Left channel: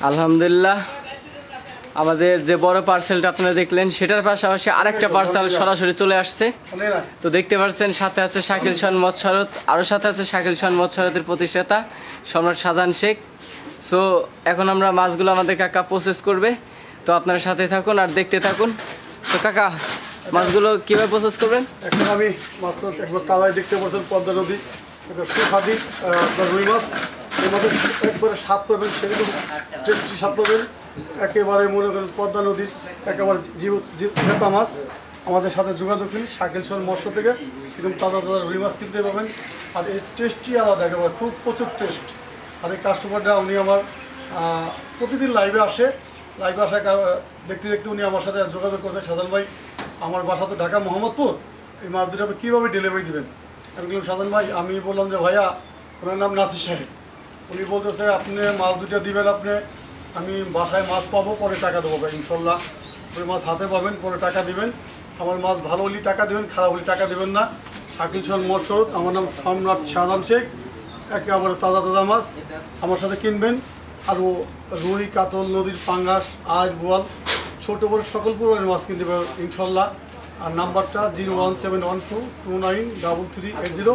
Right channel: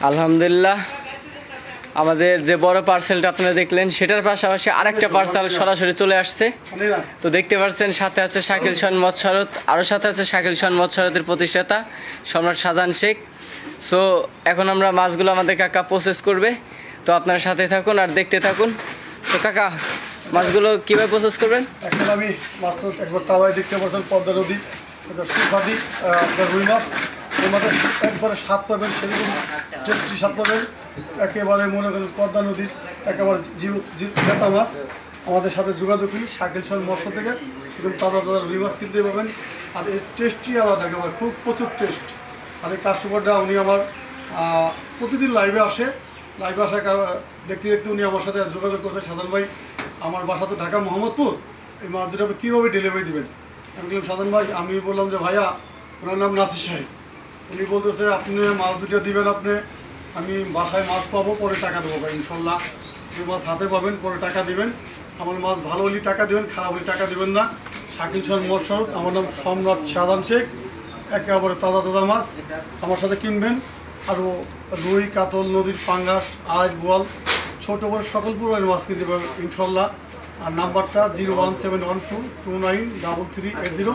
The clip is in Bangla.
আলহামদুলিল্লাহ, আমাদের যে বড় পার্সেলটা আপনারা দেখলেন সেটার পাশাপাশি আরেকটা পার্সেল সরাসরি চলে আসছে। তো দেখতে পাচ্ছেন সাথে আছে শাকিল শান মৎস্যরত, আরও সাথে আছে শাকিল শান মৎস্যরতের প্রতিষ্ঠাতা সম্রাট শাহজাহান শেখ। সো এখন আমরা মাছগুলো আমাদের কাকা প্রসেস করবে, তো আপনারা সাথে থাকুন আর দেখতে থাকুন। তো কাকা, মাছগুলো কীভাবে প্রসেস করবেন? এখন আমি মাছ তো একবার তাওয়ায় দেখতে পাচ্ছেন, পদ্মা নদী, সুখাদি আপনার রুই মাছ, এর মধ্যে একবারে স্বাদ পাবেন, সেরকম টেস্টি স্বাদ পাবেন। একেবারে মনে করেন পদ্মা নদীর একেবারে জেতা মাছ। আমাদের সাথে যোগাযোগ করি শাকিল শান মৎস্য থেকে, এরকম তাজা তাজা রুই মাছ কিনতে পাবেন। আর এর টেস্টই আলাদা, একেবারে খুব প্রচুর টেস্ট। আর এই কাস্টমাররা উনি আমার প্রতিদিন লাইভে আসে, দেখতে দেখতে উনি আমার সাথে যোগাযোগ করছে, সাধারণ ভাই আমার বাসা তো ঢাকা মোহাম্মদপুর, এই মাছ দুটো আপনি কীভাবে ডেলিভারি দেবেন? আমি বললাম সাধারণ ভাই, আমি বললাম যে ভাইয়া, ওনার নাম নাসির সাহেব, উনি বলতেছে আপনি মাছ দুটো দিবেন, আমি বাসায় মাছ পাবো, পরে টাকা দেবো ভাই, ইনশাল্লাহ ওই মাছ হাতে পাবেন, পরে টাকা দিবেন। আমার মাছ ভালো হলে টাকা দেবেন, খারাপ হলে টাকা দেবেন না। শাকিল শান মৎস্যরত, আমার নাম সম্রাট শাহজাহান শেখ। একেবারে তাজা তাজা মাছ আমার সাথে কিনবেন। আরও রুই, কাতল, নদীর পাঙ্গাস, আজ বোয়াল, ছোটো বড় সকল পুরো মাছ কিনতে পারবেন ইনশাল্লাহ। আর নাম্বারটা 01712293380।